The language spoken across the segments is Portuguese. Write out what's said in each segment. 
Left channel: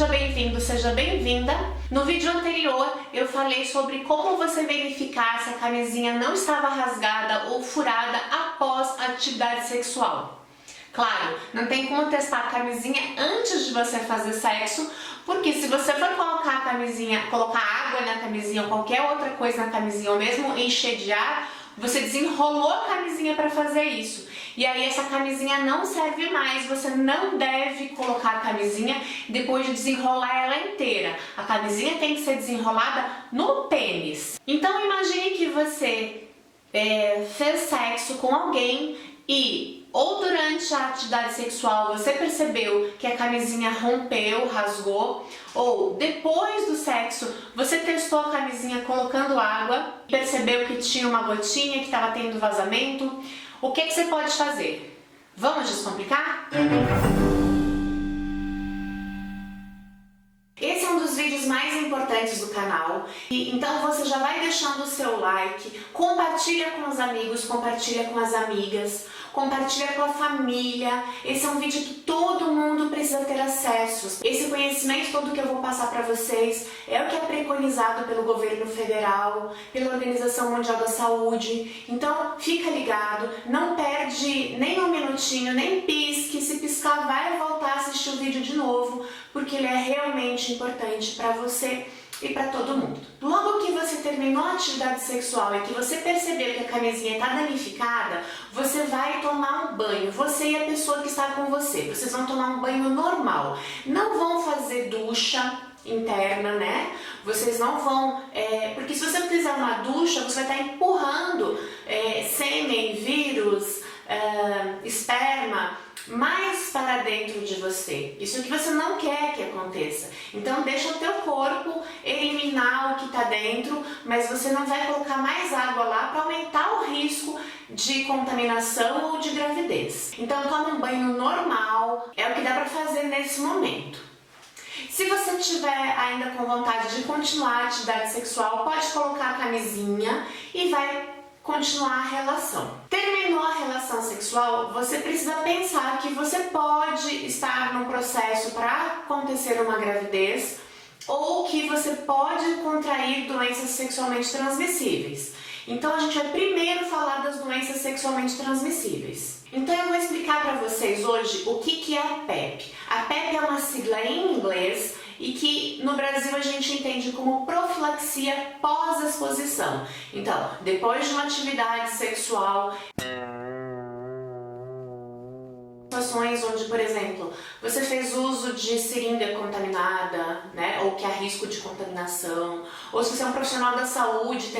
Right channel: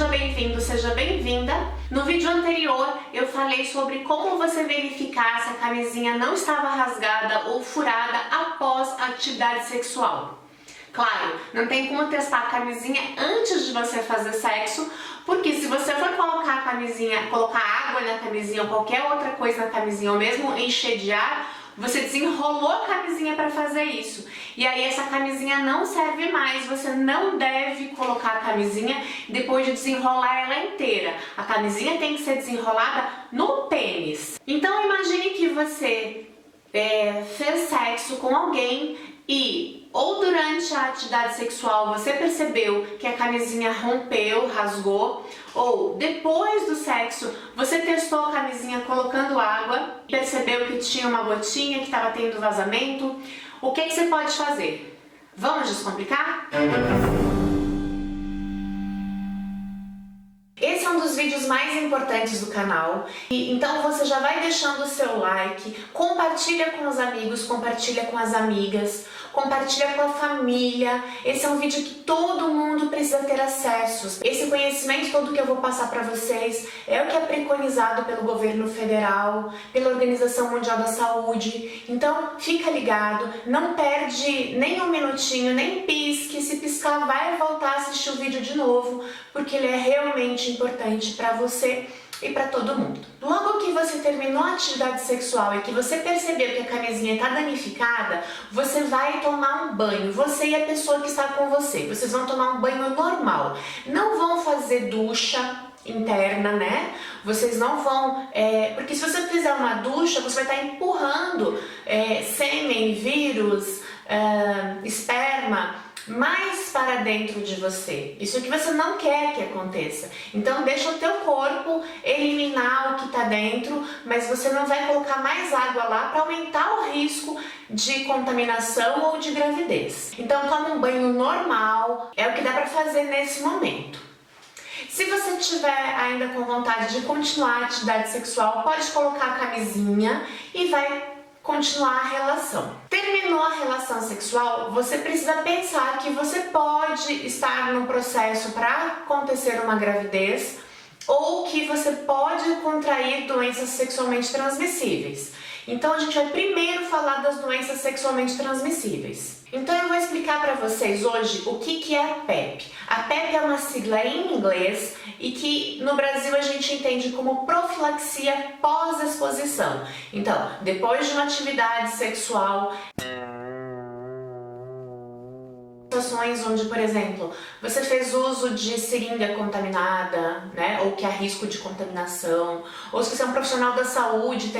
seja bem-vindo, seja bem-vinda. No vídeo anterior eu falei sobre como você verificar se a camisinha não estava rasgada ou furada após a atividade sexual. Claro, não tem como testar a camisinha antes de você fazer sexo, porque se você for colocar a camisinha, colocar água na camisinha ou qualquer outra coisa na camisinha, ou mesmo encher de ar, você desenrolou a camisinha para fazer isso. E aí essa camisinha não serve mais, você não deve colocar a camisinha depois de desenrolar ela inteira. A camisinha tem que ser desenrolada no pênis. Então imagine que você fez sexo com alguém e ou durante a atividade sexual você percebeu que a camisinha rompeu, rasgou, ou depois do sexo você testou a camisinha colocando água, percebeu que tinha uma gotinha, que estava tendo vazamento. O que você pode fazer? Vamos descomplicar? Esse é um dos vídeos mais importantes do canal, e então você já vai deixando o seu like, compartilha com os amigos, compartilha com as amigas, compartilha com a família. Esse é um vídeo que todo mundo precisa ter acesso. Esse conhecimento todo que eu vou passar para vocês é o que é preconizado pelo governo federal, pela Organização Mundial da Saúde. Então fica ligado, não perde nem um minutinho, nem pisque. Se piscar, vai voltar a assistir o vídeo de novo, porque ele é realmente importante para você e para todo mundo. Logo que você terminou a atividade sexual e que você percebeu que a camisinha está danificada, você vai tomar um banho, você e a pessoa que está com você. Vocês vão tomar um banho normal, não vão fazer ducha interna, né? Vocês não vão, porque se você fizer uma ducha, você vai estar empurrando sêmen, vírus, esperma mais para dentro de você. Isso que você não quer que aconteça. Então deixa o teu corpo eliminar o que está dentro, mas você não vai colocar mais água lá para aumentar o risco de contaminação ou de gravidez. Então toma um banho normal, é o que dá para fazer nesse momento. Se você tiver ainda com vontade de continuar a atividade sexual, pode colocar a camisinha e vai continuar a relação. Terminou a relação sexual, você precisa pensar que você pode estar no processo para acontecer uma gravidez ou que você pode contrair doenças sexualmente transmissíveis. Então a gente vai primeiro falar das doenças sexualmente transmissíveis. Então eu vou explicar para vocês hoje o que é a PEP. A PEP é uma sigla em inglês e que no Brasil a gente entende como profilaxia pós-exposição. Então, depois de uma atividade sexual, situações onde, por exemplo, você fez uso de seringa contaminada, né, ou que há risco de contaminação, ou se você é um profissional da saúde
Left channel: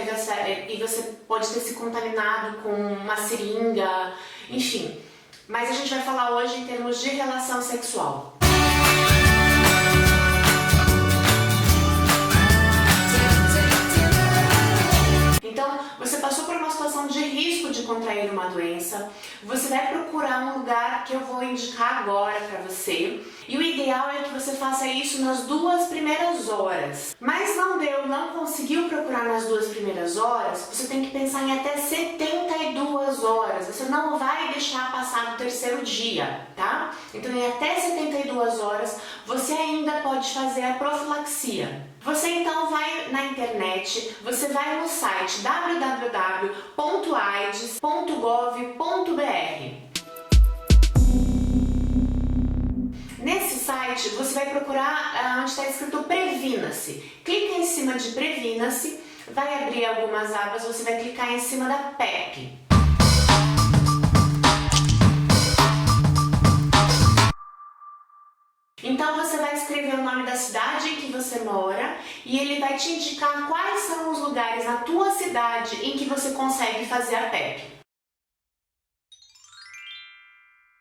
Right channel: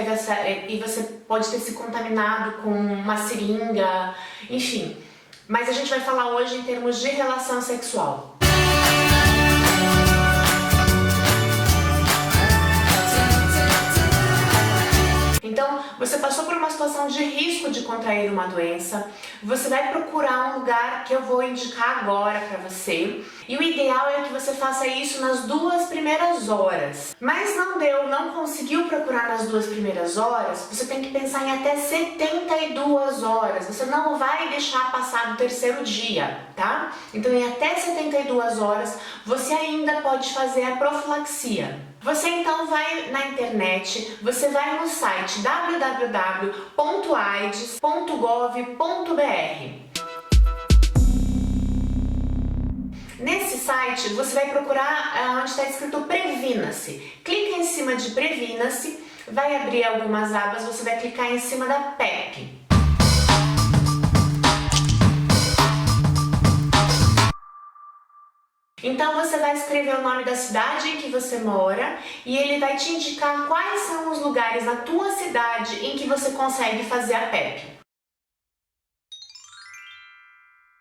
e você pode ter se contaminado com uma seringa, enfim. Mas a gente vai falar hoje em termos de relação sexual. Então, você passou por uma situação de risco de contrair uma doença, você vai procurar um lugar que eu vou indicar agora para você, e o ideal é que você faça isso nas 2 primeiras horas. Mas não deu, não conseguiu procurar nas 2 primeiras horas, você tem que pensar em até 72 horas, você não vai deixar passar do 3º dia, tá? Então em até 72 horas você ainda pode fazer a profilaxia. Você então vai na internet, você vai no site www.aids.gov.br. Nesse site você vai procurar onde está escrito Previna-se. Clica em cima de Previna-se, vai abrir algumas abas, você vai clicar em cima da PEP. Então você vai escrever o nome da cidade em que você mora e ele vai te indicar quais são os lugares na tua cidade em que você consegue fazer a PEP.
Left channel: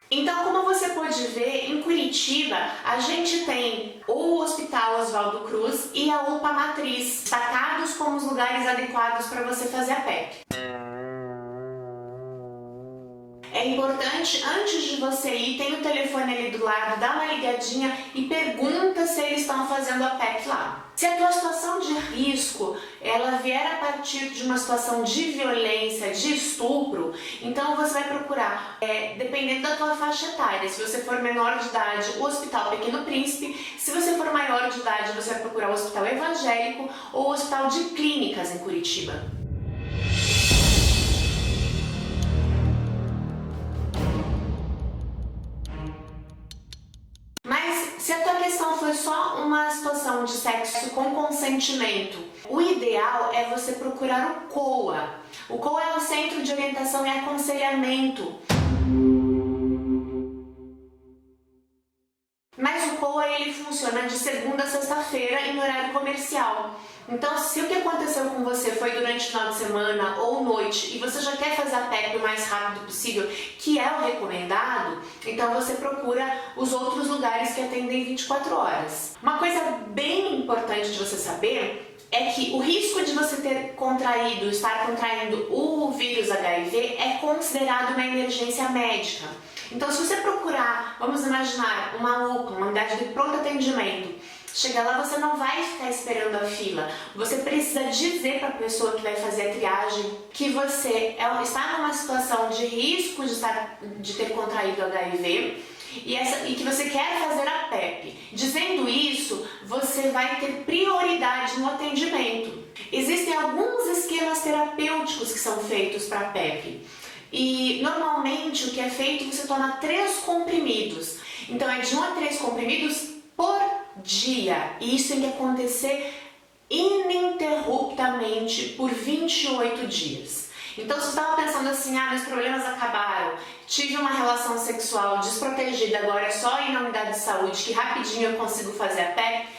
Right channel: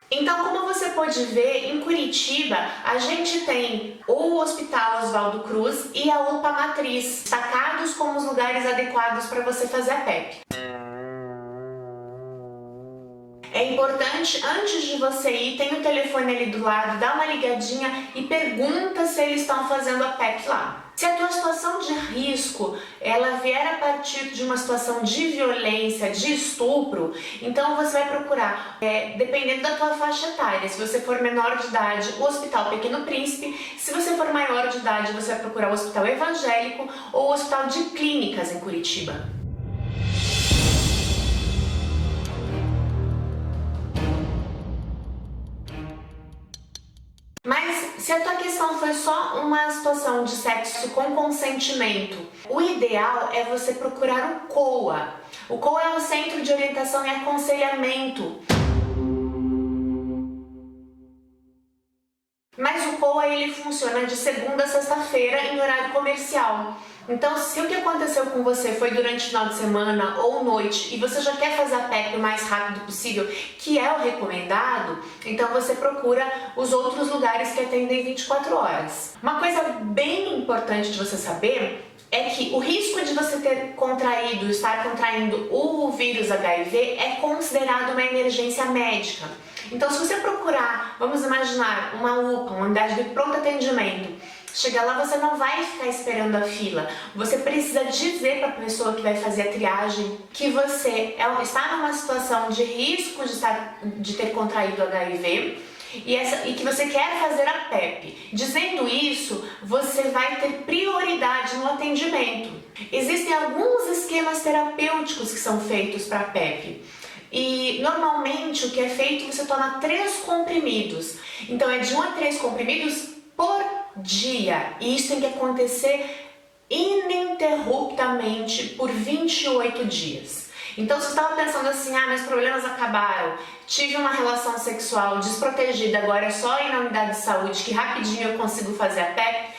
Então, como você pode ver, em Curitiba a gente tem o Hospital Oswaldo Cruz e a UPA Matriz, destacados como os lugares adequados para você fazer a PEP. É importante, antes de você ir, tem o telefone ali do lado, dá uma ligadinha e pergunta se eles estão fazendo a PEP lá. Se a tua situação de risco, ela vier a partir de uma situação de violência, de estupro, então você vai procurar, dependendo da tua faixa etária, se você for menor de idade, o Hospital Pequeno Príncipe, se você for maior de idade, você vai procurar o Hospital Evangélico ou o Hospital de Clínicas em Curitiba. Mas se a tua questão foi só uma situação de sexo com consentimento, o ideal é você procurar o COA. O COA é o Centro de Orientação e Aconselhamento. Mas o COA ele funciona de segunda a sexta-feira em horário comercial. Então, se o que aconteceu com você foi durante o final de semana ou noite e você já quer fazer a PEP o mais rápido possível, que é o recomendado, então você procura os outros lugares que atendem 24 horas. Uma coisa bem importante de você saber é que o risco de você estar contraindo o vírus HIV é considerado uma emergência médica. Então, se você procurar, vamos imaginar, uma UPA, uma unidade de pronto atendimento, chegar lá, você não vai ficar esperando a fila. Você precisa dizer para a pessoa que vai fazer a triagem que você está numa situação de risco de ter contraído HIV e que você quer fazer a PEP. Dizendo isso, você vai ter prioridade no atendimento. Existem alguns esquemas terapêuticos que são feitos para a PEP. E normalmente o que é feito, você toma 3 comprimidos. Então é de 1 a 3 comprimidos por dia. E isso tem que acontecer ininterruptamente por 28 dias. Então, se você estava pensando assim, meus problemas acabaram, tive uma relação sexual desprotegida, agora é só ir na unidade de saúde que rapidinho eu consigo fazer a PEP,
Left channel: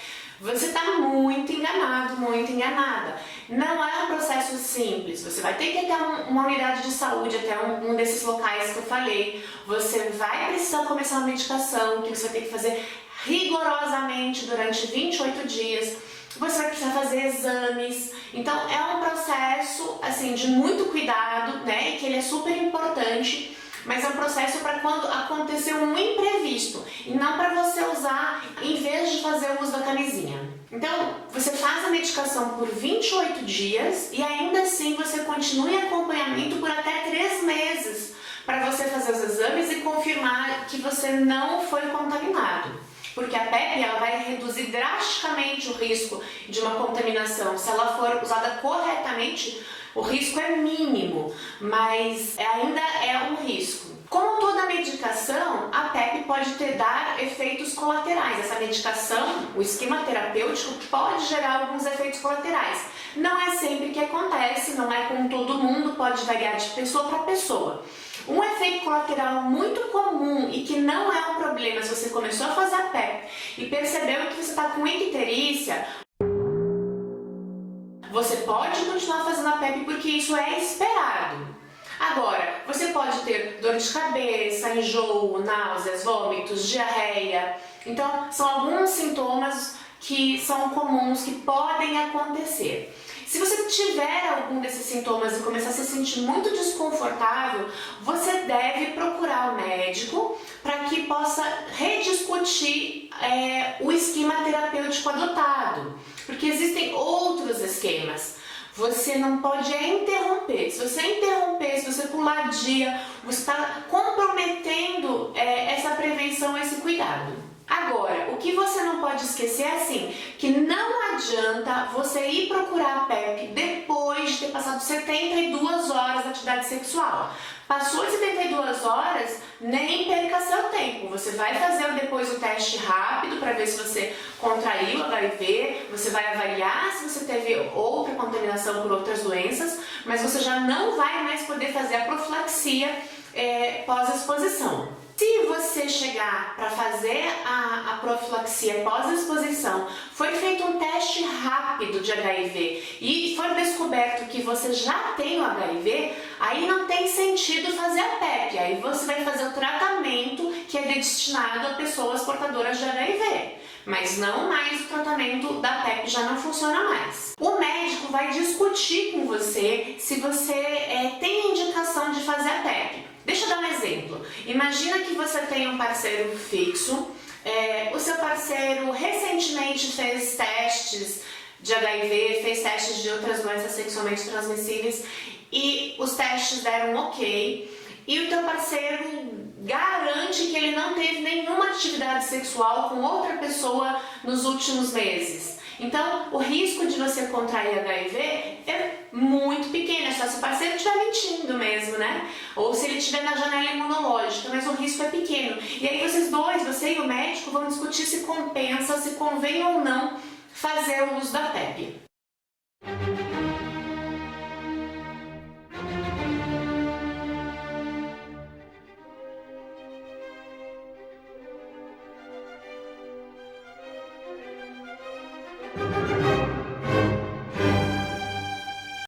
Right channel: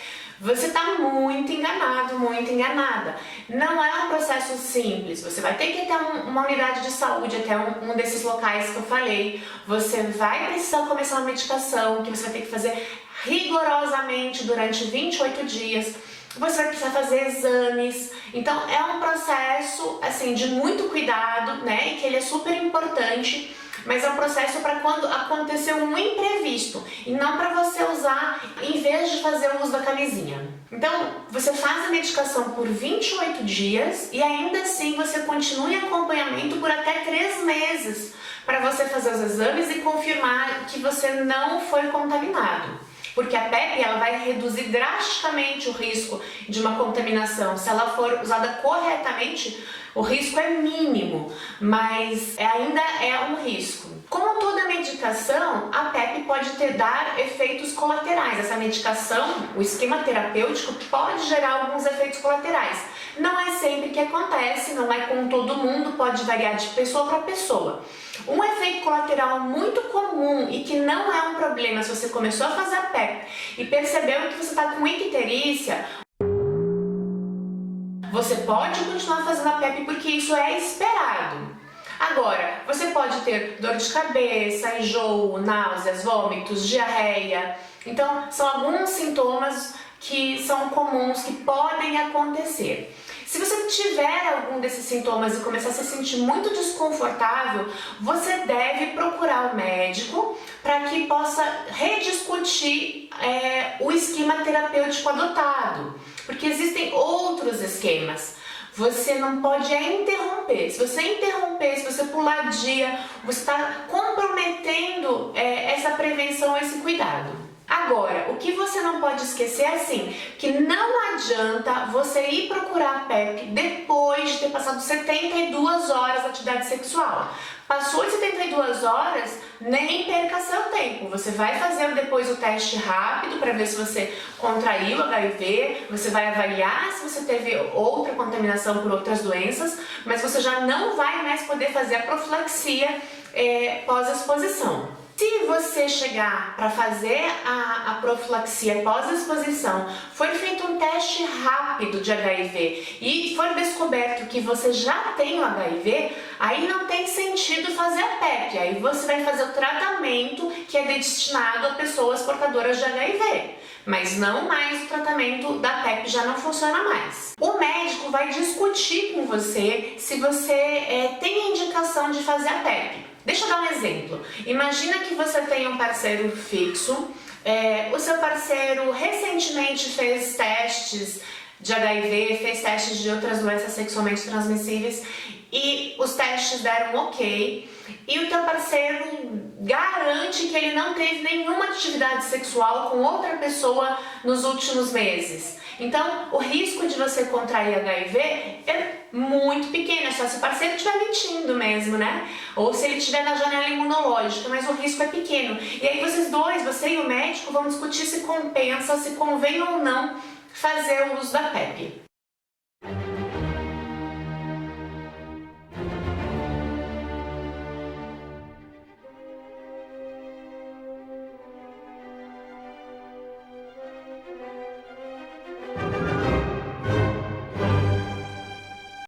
você está muito enganado, muito enganada. Não é um processo simples. Você vai ter que ir até uma unidade de saúde, até um desses locais que eu falei. Você vai precisar começar uma medicação que você vai ter que fazer rigorosamente durante 28 dias. Você vai precisar fazer exames. Então é um processo assim de muito cuidado, né? E que ele é super importante. Mas é um processo para quando aconteceu um imprevisto e não para você usar em vez de fazer o uso da camisinha. Então, você faz a medicação por 28 dias e ainda assim você continua em acompanhamento por até 3 meses para você fazer os exames e confirmar que você não foi contaminado. Porque a PEP ela vai reduzir drasticamente o risco de uma contaminação. Se ela for usada corretamente, o risco é mínimo, mas ainda é um risco. Como toda medicação, a PEP pode dar efeitos colaterais. Essa medicação, o esquema terapêutico, pode gerar alguns efeitos colaterais. Não é sempre que acontece, não é com todo mundo, pode variar de pessoa para pessoa. Um efeito colateral muito comum e que não é um problema se você começou a fazer a PEP e percebeu que você está com icterícia, você pode continuar fazendo a PEP porque isso é esperado. Agora, você pode ter dor de cabeça, enjoo, náuseas, vômitos, diarreia. Então, são alguns sintomas que são comuns, que podem acontecer. Se você tiver algum desses sintomas e começar a se sentir muito desconfortável, você deve procurar o médico para que possa rediscutir o esquema terapêutico adotado, porque existem outros esquemas. Você não pode interromper. Se você interromper, se você pular dia, você está comprometendo essa prevenção, esse cuidado. Agora, o que você não pode esquecer é assim, que não adianta você ir procurar a PEP depois de ter passado 72 horas de atividade sexual. Passou de 72 horas, nem perca seu tempo. Você vai fazer depois o teste rápido para ver se você contraiu o HIV, você vai avaliar se você teve outra contaminação por outras doenças, mas você já não vai mais poder fazer a profilaxia pós-exposição. Se você chegar para fazer a profilaxia pós-exposição, foi feito um teste rápido de HIV e foi descoberto que você já tem o HIV, aí não tem sentido fazer a PEP, aí você vai fazer o tratamento que é destinado a pessoas portadoras de HIV. Mas não mais o tratamento da PEP já não funciona mais. O médico vai discutir com você se você tem indicação de fazer a PEP. Deixa eu dar um exemplo. Imagina que você tem um parceiro fixo, o seu parceiro recentemente fez testes de HIV, fez testes de outras doenças sexualmente transmissíveis e os testes deram ok, e o teu parceiro garante que ele não teve nenhuma atividade sexual com outra pessoa nos últimos meses. Então, o risco de você contrair HIV é muito pequeno, é só se o parceiro estiver mentindo mesmo, né? Ou se ele estiver na janela imunológica, mas o risco é pequeno. E aí vocês dois, você e o médico, vão discutir se compensa, se convém ou não fazer o uso da PrEP.